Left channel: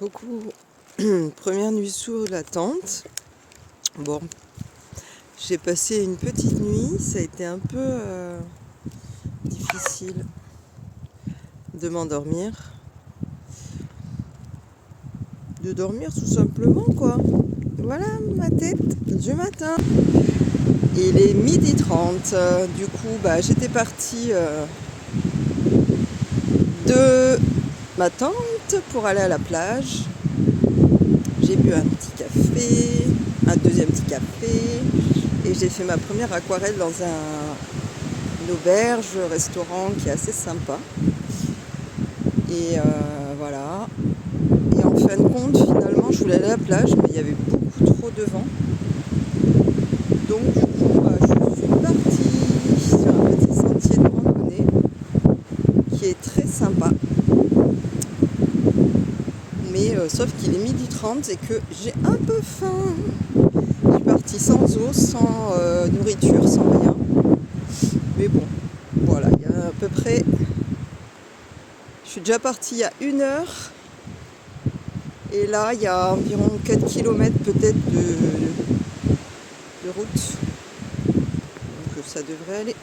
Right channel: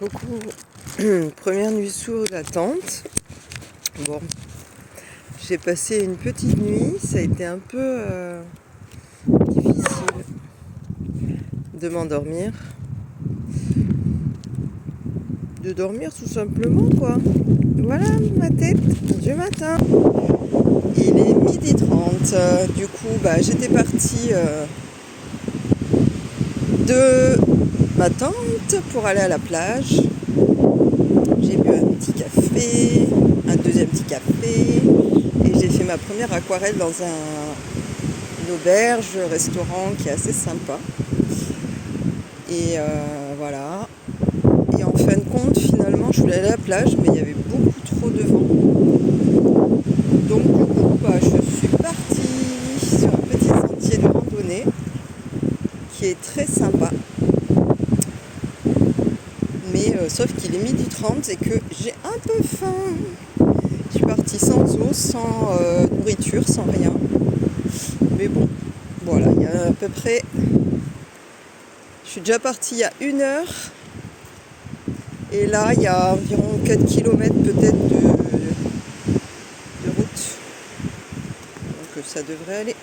Coucou, première nuit sous la tente. Bon, j'ai passé une petite nuit, ça a été un peu difficile de m'endormir. De dormir tout simplement quoi. Voilà ma tête du matin. Il est 12h30, du coup j'étais partie de ma tente pour aller à la plage. J'ai bu un petit café, un deuxième petit café et j'ai fait ma première aquarelle dans une auberge, restaurant qui est assez sympa. Et voilà. Et en fin de compte, finalement, je voulais aller à la plage, mais il y avait beaucoup trop de vent. Donc du coup, je suis partie sur un petit sentier de randonnée qui est très sympa. Mais sauf qu'il est 12h30 et que j'ai un peu faim. Je suis partie sans eau, sans nourriture, sans rien. Mais bon, voilà, il y a à peu près... Je suis déjà partie il y a 1 heure. Et là, il y a environ 4 km peut-être de route. Donc ça devrait aller.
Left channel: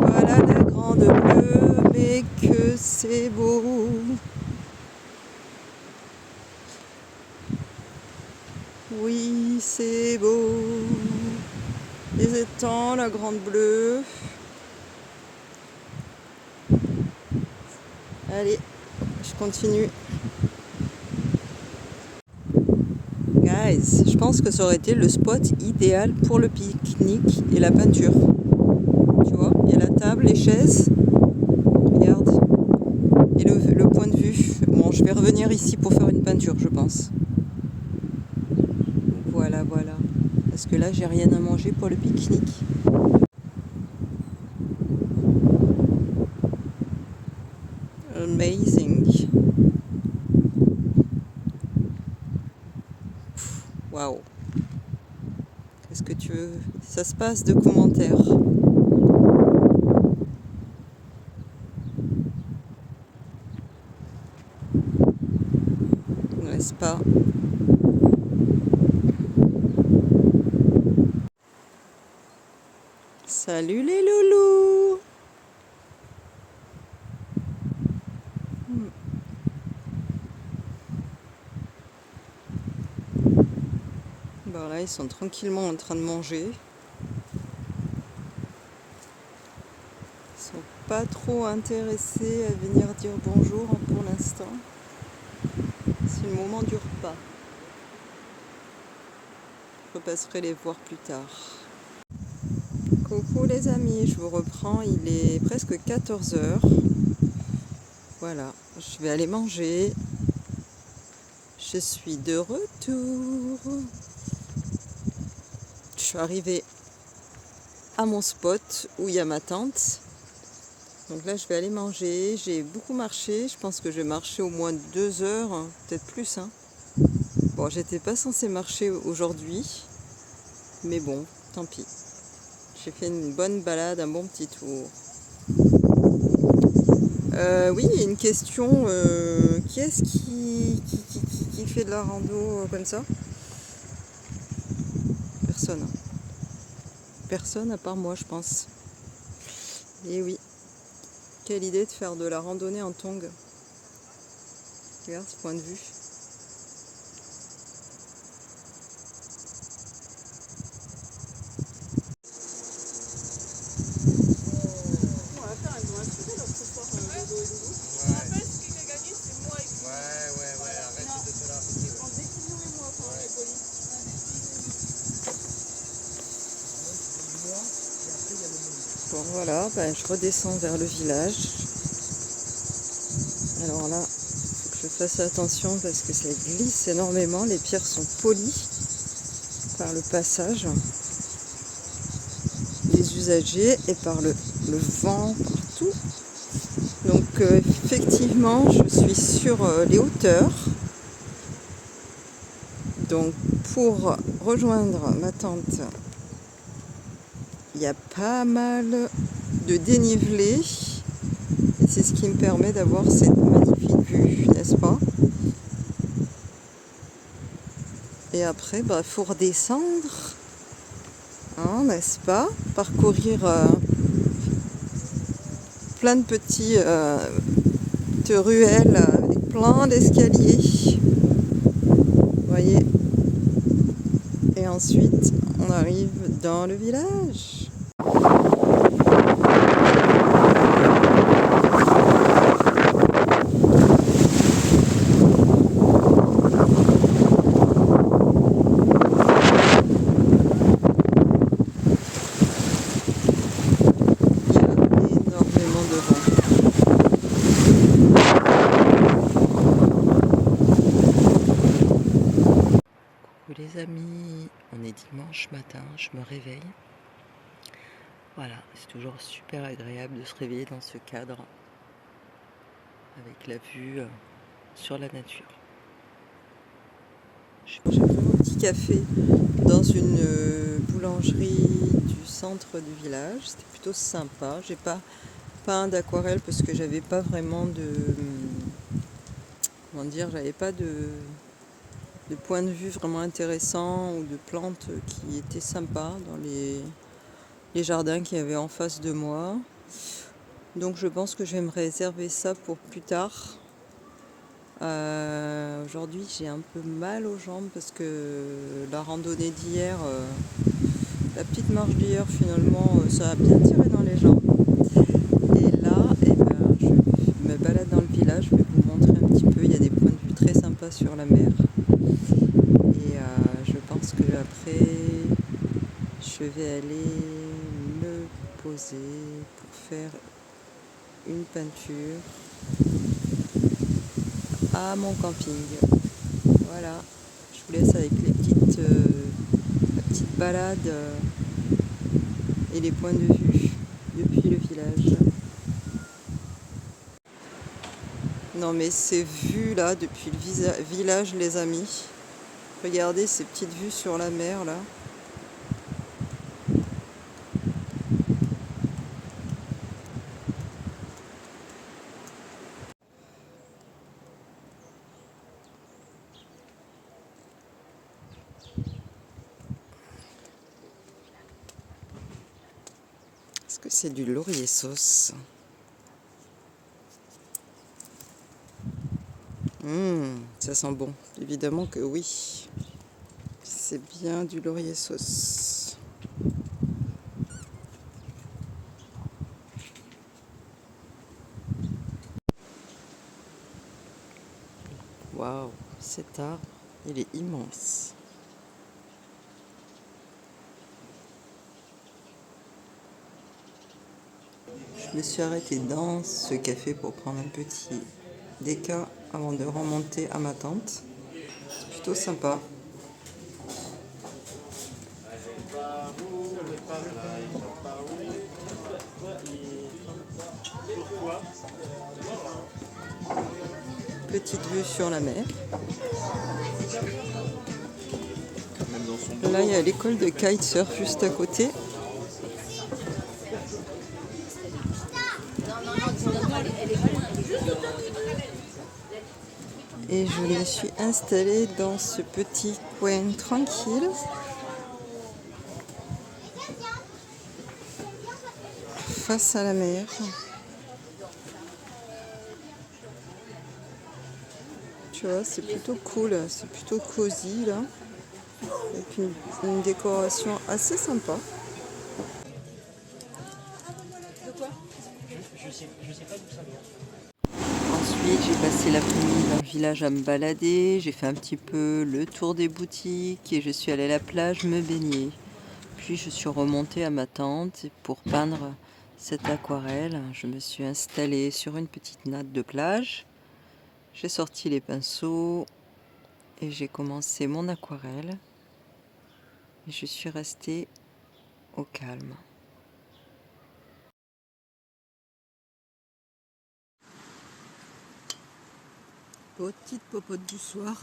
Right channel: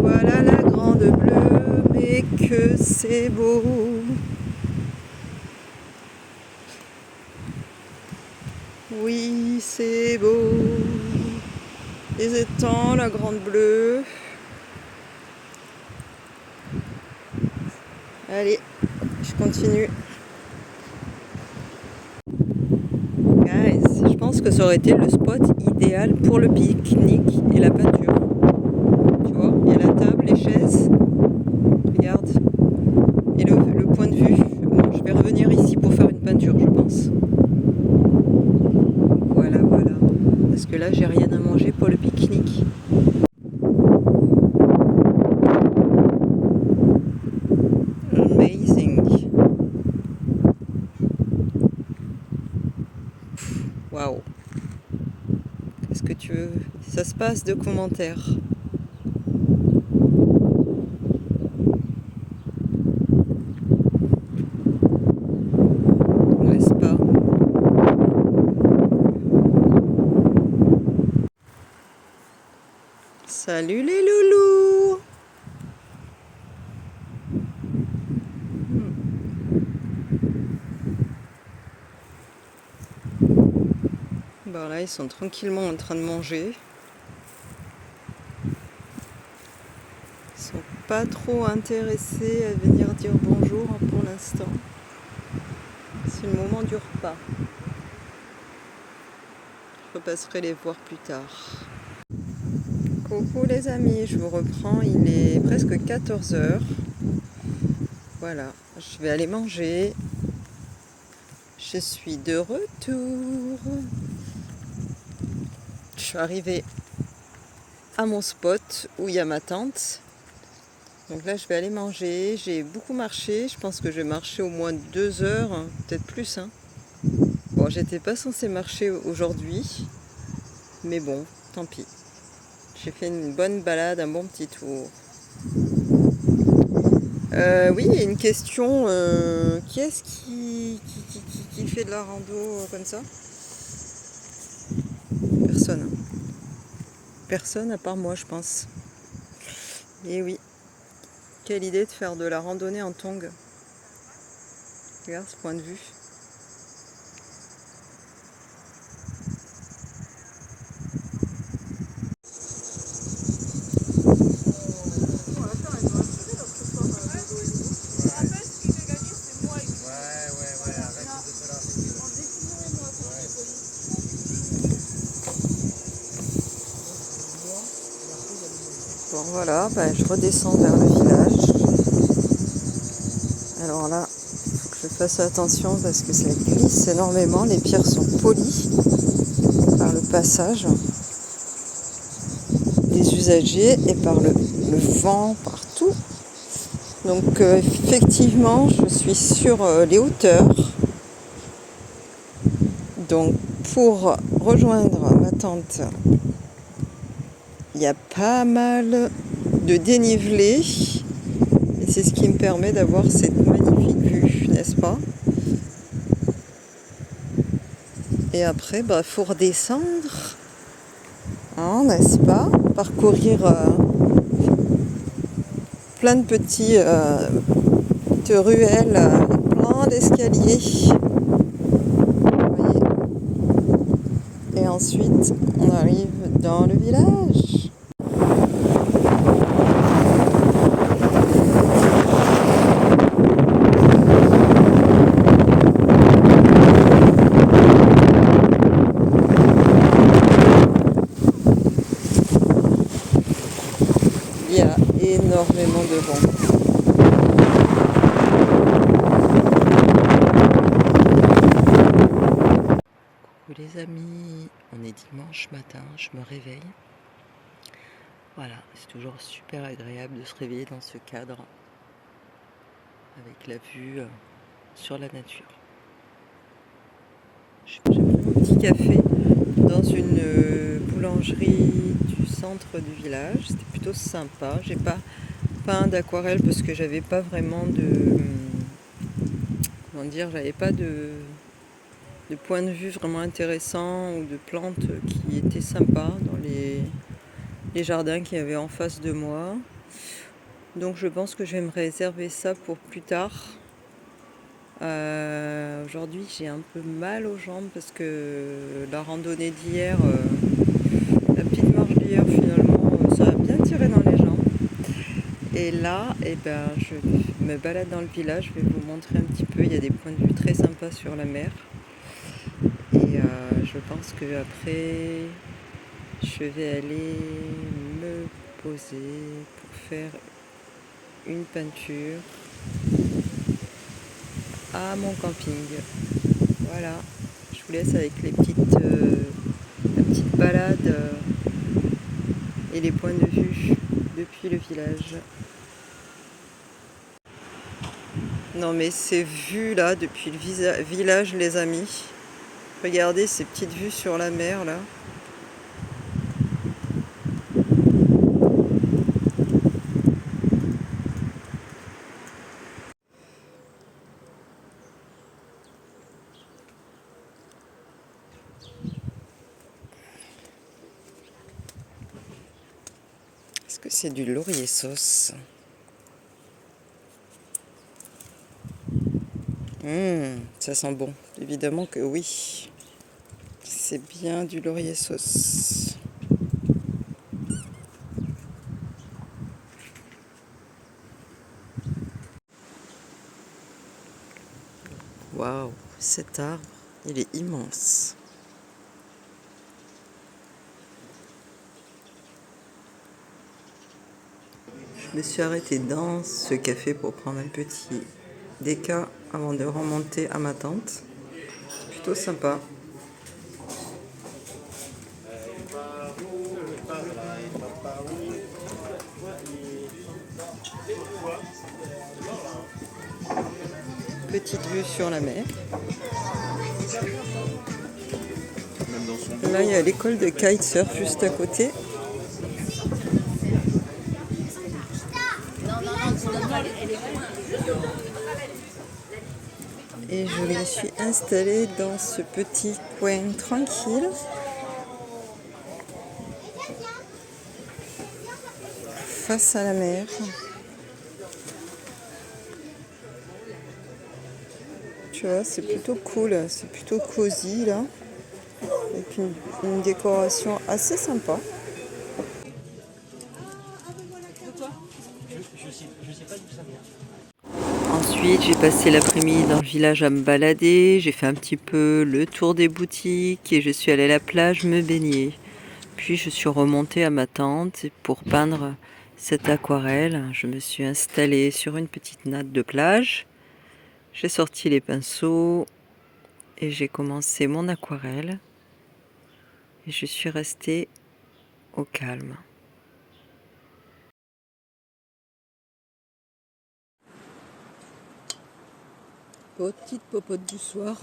Voilà la grande bleue, mais que c'est beau. Oui, c'est beau. Les étangs, la grande bleue. Allez, je continue. Guys, je pense que ça aurait été le spot idéal pour le pique-nique et la peinture. Tu vois, il y a la table, les chaises. Regarde. Et le point de vue. Bon, je vais revenir ici pour faire une peinture, je pense. Voilà, voilà. Parce que là, j'ai rien à manger pour le pique-nique. Amazing. Waouh. Qu'est-ce que tu veux? Ça se passe de commentaires. N'est-ce pas? Salut les loulous! Bon là, ils sont tranquillement en train de manger. Ils sont pas trop intéressés à venir dire bonjour pour l'instant. C'est le moment du repas. Je repasserai les voir plus tard. Coucou les amis, je vous reprends, il est presque 14h. Voilà, je vais aller manger. Je suis de retour. Je suis arrivée à mon spot où il y a ma tente. Donc là, je vais aller manger. J'ai beaucoup marché. Je pense que je vais marcher au moins 2 heures, hein, peut-être plus. Hein. Bon, j'étais pas censée marcher aujourd'hui. Mais bon, tant pis. J'ai fait une bonne balade, un bon petit tour. Oui, il y a une question. Qui est-ce qui fait de la rando comme ça? Personne. Personne à part moi, je pense. Et oui. Quelle idée de faire de la randonnée en tongs. Regarde ce point de vue. Bon voilà, je redescends vers le village. Alors là, il faut que je fasse attention parce que ça glisse énormément. Les pierres sont polies par le passage des usagers et par le vent partout. Donc effectivement, je suis sur les hauteurs. Donc pour rejoindre ma tente, il y a pas mal de dénivelé. Et c'est ce qui me permet d'avoir cette magnifique vue, n'est-ce n'est-ce pas? Et après, bah, faut redescendre, hein, n'est-ce pas? Parcourir plein de petites ruelles, plein d'escaliers. Vous voyez? Et ensuite, on arrive dans le village. Il y a énormément de vent. Coucou les amis, on est dimanche matin, je me réveille. Voilà, c'est toujours super agréable de se réveiller dans ce cadre avec la vue sur la nature. J'ai pris mon petit café dans une boulangerie du centre du village. C'était plutôt sympa. J'ai pas peint d'aquarelle parce que j'avais pas vraiment j'avais pas de point de vue vraiment intéressant ou de plantes qui étaient sympas dans les jardins qu'il y avait en face de moi. Donc je pense que je vais me réserver ça pour plus tard. Aujourd'hui j'ai un peu mal aux jambes parce que la randonnée d'hier, la petite marche d'hier finalement ça a bien tiré dans les jambes. Et là je me balade dans le village, je vais vous montrer un petit peu, il y a des points de vue très sympas sur la mer. Et je pense que après je vais aller me poser pour faire une peinture à mon camping. Voilà, je vous laisse avec la petite balade et les points de vue depuis le village. Non mais ces vues là depuis le village les amis, regardez ces petites vues sur la mer là. Est-ce que c'est du laurier sauce? Ça sent bon. Évidemment que oui. C'est bien du laurier sauce. Waouh, cet arbre, il est immense. Je me suis arrêtée dans ce café pour prendre un petit déca avant de remonter à ma tente. C'est plutôt sympa. Petite vue sur la mer. Là, il y a l'école de kitesurf juste à côté. Et je me suis installée dans ce petit coin tranquille. Face à la mer. Tu vois, c'est plutôt cool, c'est plutôt cosy là. Avec une décoration assez sympa. Ensuite, j'ai passé l'après-midi dans le village à me balader. J'ai fait un petit peu le tour des boutiques et je suis allée à la plage me baigner. Puis je suis remontée à ma tente pour peindre cette aquarelle. Je me suis installée sur une petite natte de plage. J'ai sorti les pinceaux et j'ai commencé mon aquarelle. Et je suis restée au calme. Petite popote du soir.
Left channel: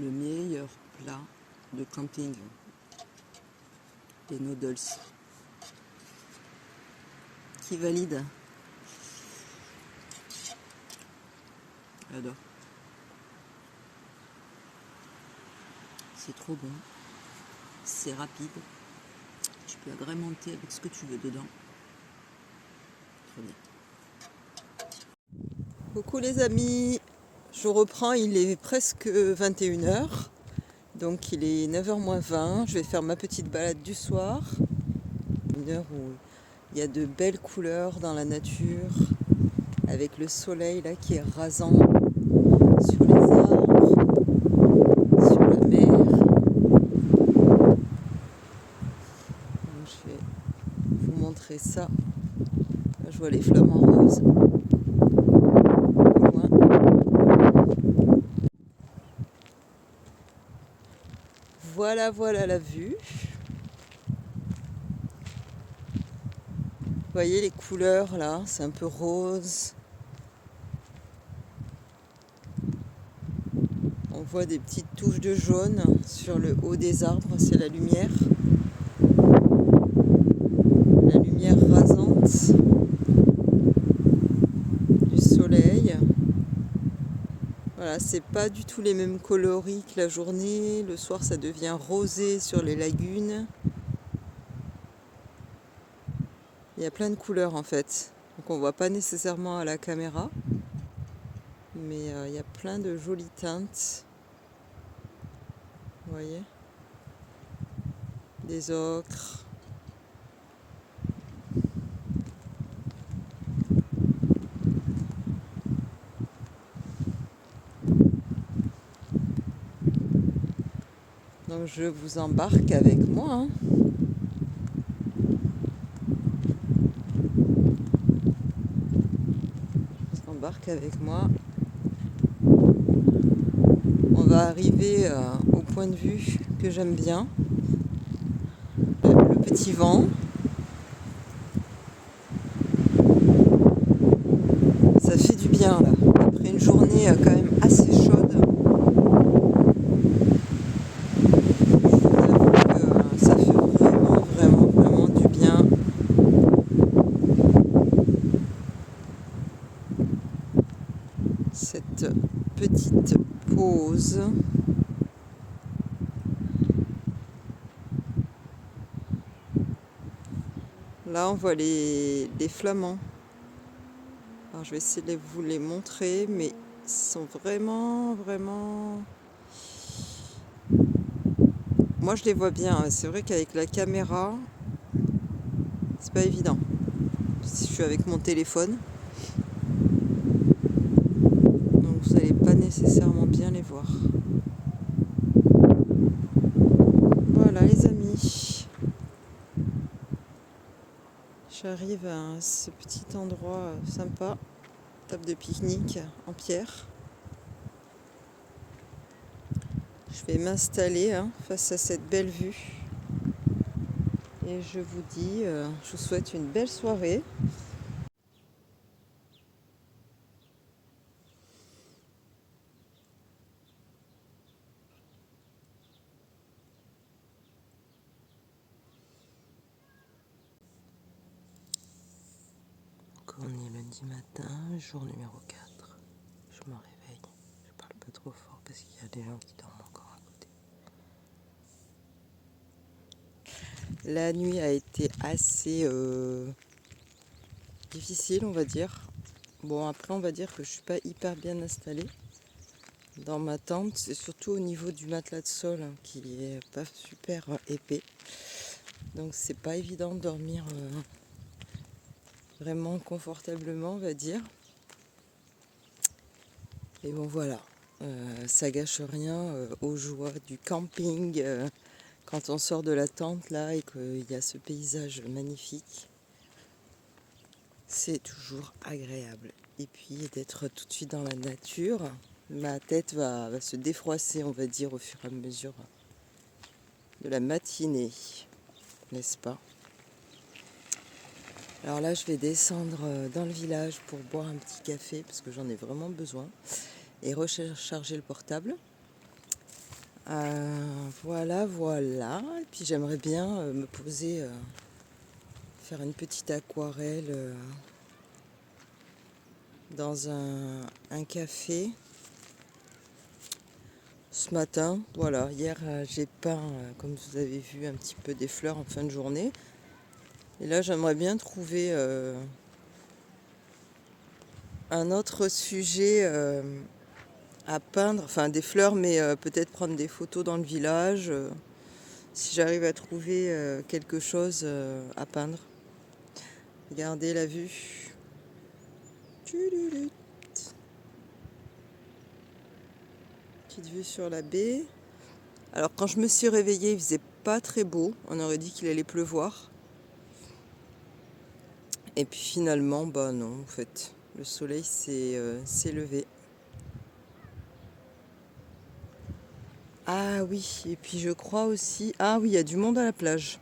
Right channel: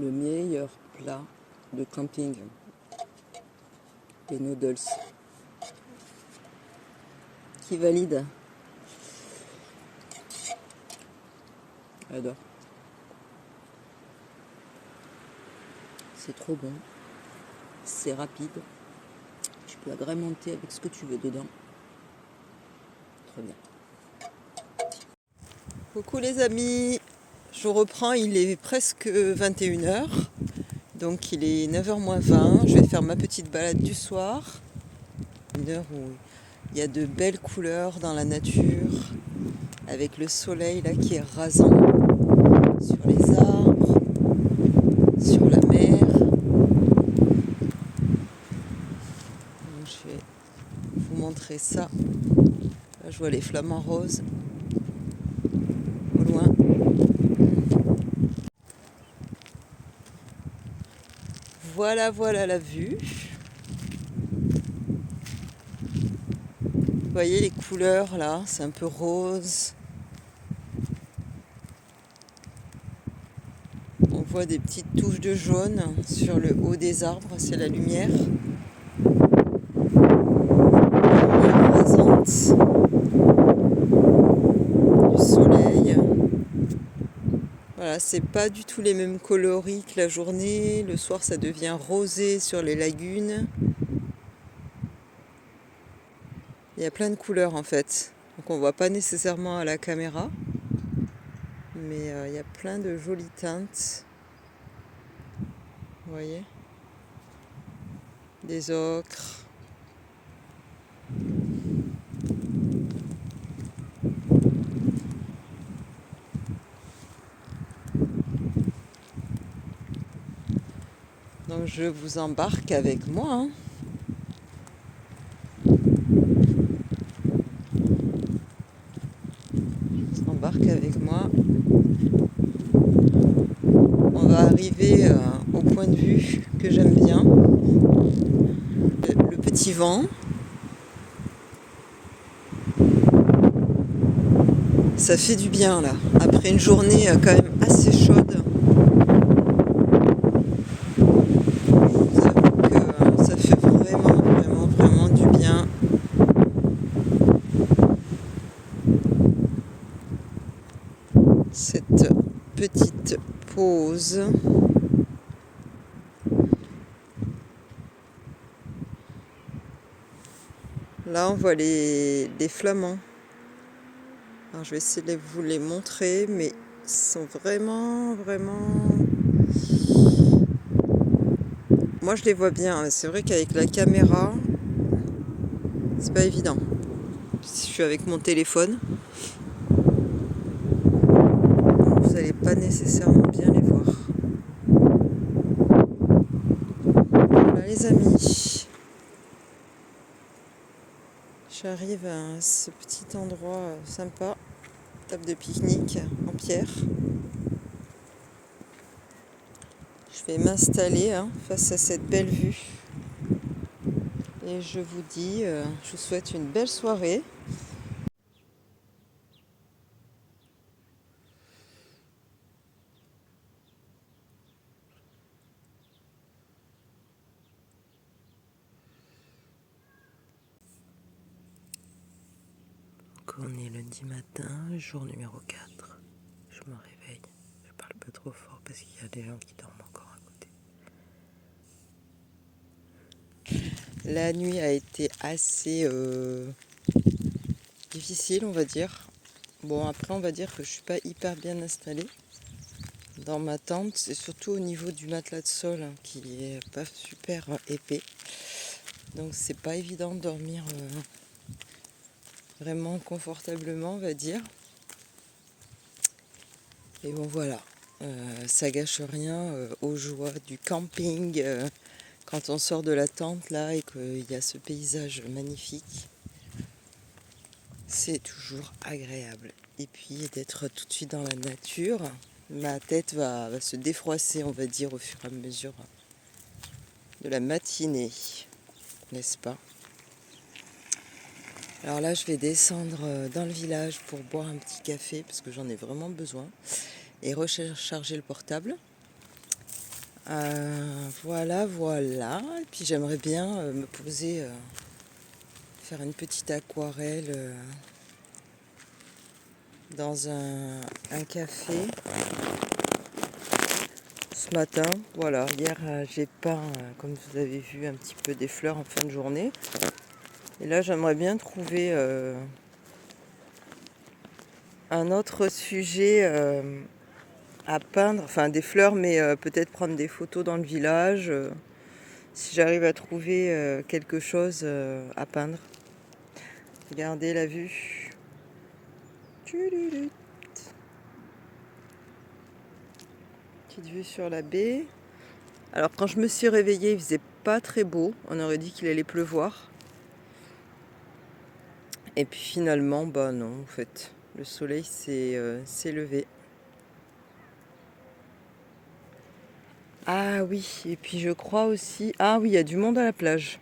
le meilleur plat de camping. Les noodles. Qui valide? J'adore. C'est trop bon. C'est rapide. Tu peux agrémenter avec ce que tu veux dedans. Très bien. Coucou les amis. Je reprends, il est presque 21h. Donc il est 9h moins 20. Je vais faire ma petite balade du soir. Une heure où il y a de belles couleurs dans la nature. Avec le soleil là qui est rasant sur les arbres, sur la mer. Donc, je vais vous montrer ça. Là, je vois les flamants roses au loin. Voilà la vue. Vous voyez les couleurs là, c'est un peu rose. On voit des petites touches de jaune sur le haut des arbres, c'est la lumière. La lumière rasante du soleil. Voilà, c'est pas du tout les mêmes coloris que la journée. Le soir, ça devient rosé sur les lagunes. Il y a plein de couleurs en fait. Donc on voit pas nécessairement à la caméra. Mais il y a plein de jolies teintes. Vous voyez? Des ocres. Donc je vous embarque avec moi. Hein. Je vous embarque avec moi. On va arriver au point de vue que j'aime bien. Le petit vent. Ça fait du bien là. Après une journée quand même assez chaude. Je vous avoue que ça fait vraiment du bien. Cette petite pause. Là on voit les flamants. Alors je vais essayer de vous les montrer, mais ils sont vraiment... Moi je les vois bien, c'est vrai qu'avec la caméra, c'est pas évident. Si je suis avec mon téléphone, donc vous n'allez pas nécessairement bien les voir. Voilà les amis. J'arrive à ce petit endroit sympa, table de pique-nique en pierre. Je vais m'installer face à cette belle vue. Et je vous dis, je vous souhaite une belle soirée. Donc on est lundi matin, jour numéro 4. Je me réveille. Je parle pas trop fort parce qu'il y a des gens qui dorment encore à côté. La nuit a été assez difficile, on va dire. Bon, après, on va dire que je suis pas hyper bien installée dans ma tente. C'est surtout au niveau du matelas de sol qui est pas super épais. Donc, c'est pas évident de dormir vraiment confortablement, on va dire. Et bon, voilà. Ça gâche rien aux joies du camping quand on sort de la tente là et qu'il y a ce paysage magnifique. C'est toujours agréable. Et puis d'être tout de suite dans la nature, ma tête va se défroisser, on va dire, au fur et à mesure de la matinée, n'est-ce pas? Alors là, je vais descendre dans le village pour boire un petit café parce que j'en ai vraiment besoin et recharger le portable. Voilà, voilà. Et puis j'aimerais bien me poser, faire une petite aquarelle dans un café ce matin. Voilà, hier j'ai peint, comme vous avez vu, un petit peu des fleurs en fin de journée. Et là j'aimerais bien trouver un autre sujet à peindre, enfin des fleurs, mais peut-être prendre des photos dans le village, si j'arrive à trouver quelque chose à peindre. Regardez la vue. Tudulut. Petite vue sur la baie. Alors quand je me suis réveillée, il faisait pas très beau. On aurait dit qu'il allait pleuvoir. Et puis finalement, bah non, en fait, le soleil s'est levé. Ah oui, et puis je crois aussi... Ah oui, il y a du monde à la plage.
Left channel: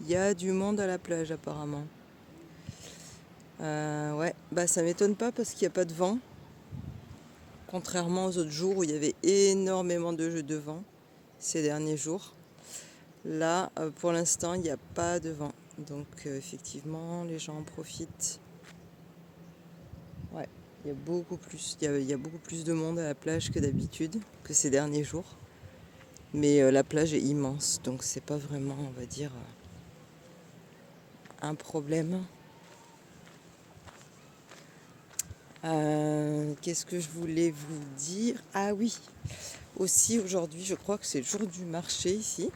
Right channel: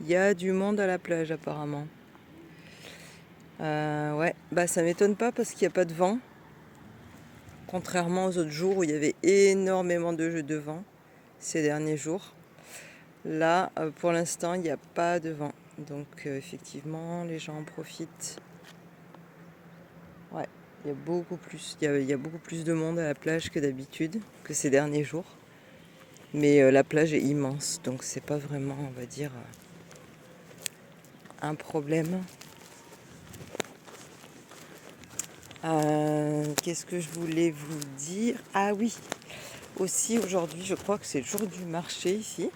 Il y a du monde à la plage apparemment. Ouais, bah ça m'étonne pas parce qu'il n'y a pas de vent. Contrairement aux autres jours où il y avait énormément de vent ces derniers jours. Là, pour l'instant, il n'y a pas de vent. Donc effectivement, les gens en profitent. Ouais, il y a beaucoup plus. Il y a beaucoup plus de monde à la plage que d'habitude, que ces derniers jours. Mais la plage est immense, donc c'est pas vraiment, on va dire, un problème. Qu'est-ce que je voulais vous dire? Ah oui, aussi aujourd'hui, je crois que c'est le jour du marché ici.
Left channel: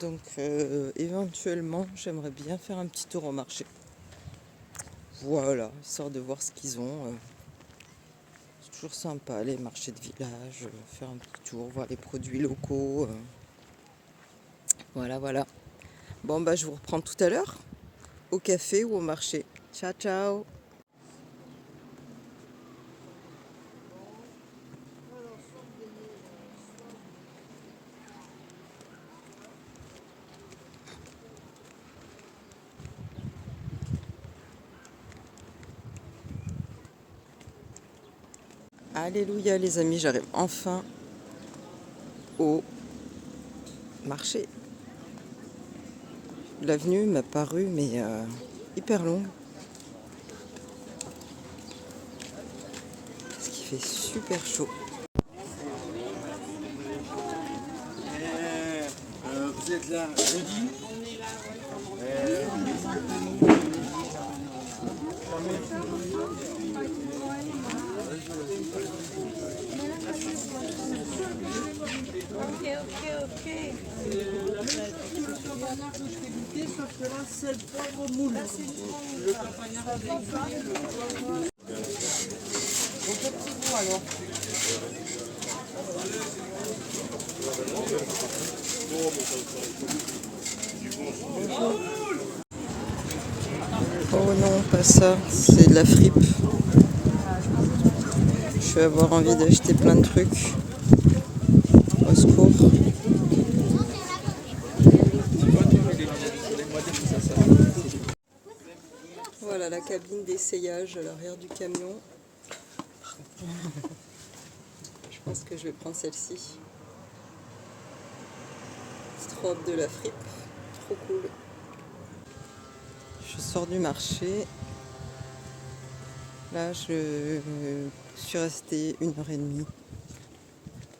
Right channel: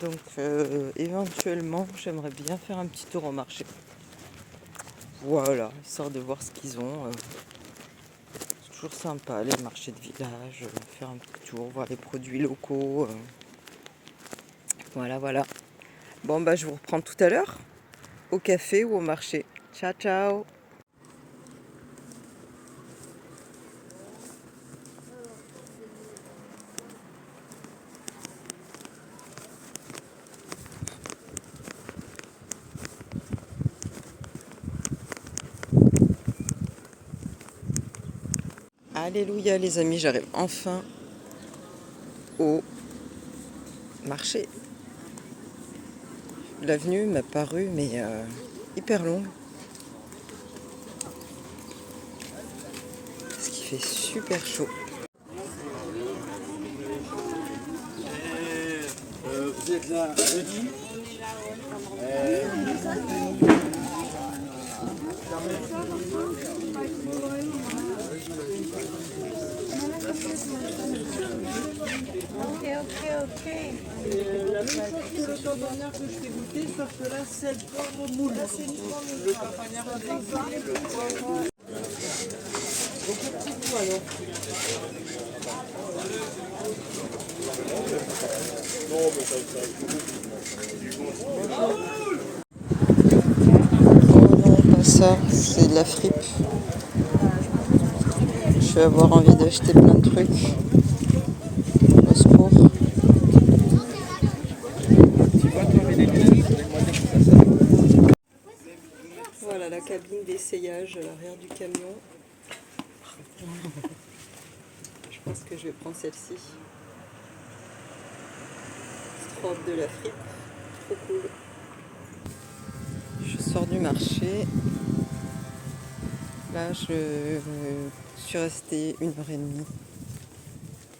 Donc éventuellement, j'aimerais bien faire un petit tour au marché. Voilà, histoire de voir ce qu'ils ont. Toujours sympa, les marchés de village, faire un petit tour, voir les produits locaux. Voilà, voilà. Bon, bah je vous reprends tout à l'heure, au café ou au marché. Ciao, ciao! Alléluia les amis, j'arrive enfin au marché. L'avenue m'a paru mais hyper longue. Parce qu'il fait super chaud. Vous êtes là jeudi? Ok. C'est le campagnard que je fais goûter, sauf que là, c'est le poivre moule. Le campagnard avec des petits pois, non? Oh non, pas ça, c'est de la fripe. Je vais avoir envie d'acheter plein de trucs. Au secours. Tu vois, toi, avec les lunettes, sur les moitiés que ça sort. Voilà la cabine d'essayage à l'arrière du camion. Je pense que je vais prendre celle-ci. Strobe de la fripe. Trop cool. Je sors du marché. Là, je suis restée 1h30.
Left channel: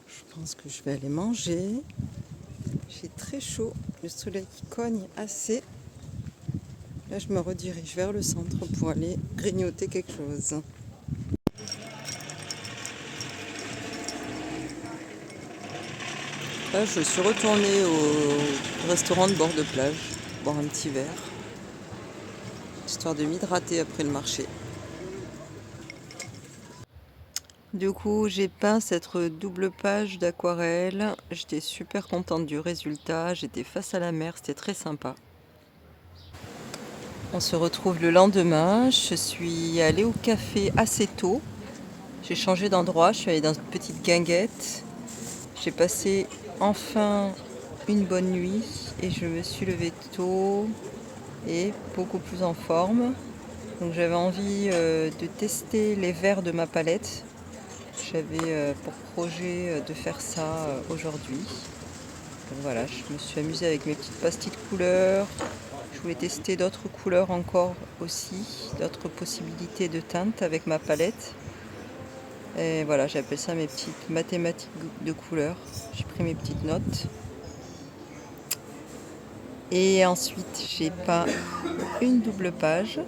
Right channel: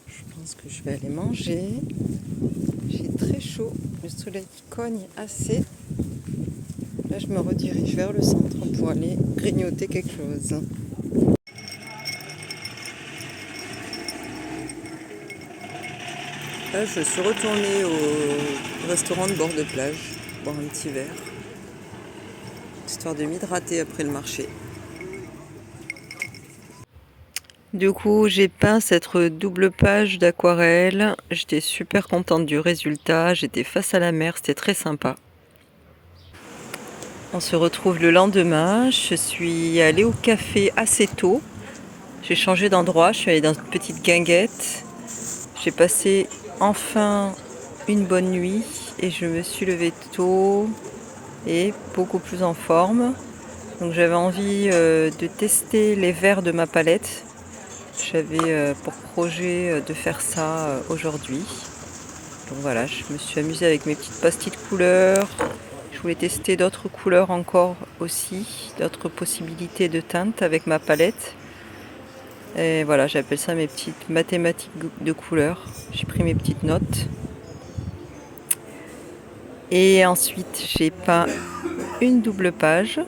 Je pense que je vais aller manger. J'ai très chaud. Le soleil cogne assez. Là, je me redirige vers le centre pour aller grignoter quelque chose. Là, je suis retournée au restaurant de bord de plage, boire un petit verre, histoire de m'hydrater après le marché. Du coup, j'ai peint cette double page d'aquarelle. J'étais super contente du résultat. J'étais face à la mer, c'était très sympa. On se retrouve le lendemain. Je suis allée au café assez tôt. J'ai changé d'endroit. Je suis allée dans une petite guinguette. J'ai passé enfin une bonne nuit et je me suis levée tôt et beaucoup plus en forme. Donc j'avais envie de tester les verres de ma palette. J'avais pour projet de faire ça aujourd'hui. Donc voilà, je me suis amusée avec mes petites pastilles de couleurs. Je voulais tester d'autres couleurs encore aussi, d'autres possibilités de teintes avec ma palette. Et voilà, j'appelle ça mes petites mathématiques de couleurs. J'ai pris mes petites notes. Et ensuite, j'ai peint une double page.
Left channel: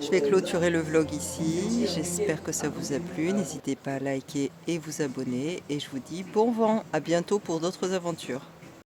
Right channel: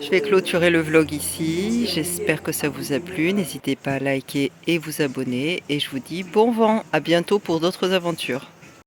Je vais clôturer le vlog ici. J'espère que ça vous a plu. N'hésitez pas à liker et vous abonner. Et je vous dis bon vent. À bientôt pour d'autres aventures.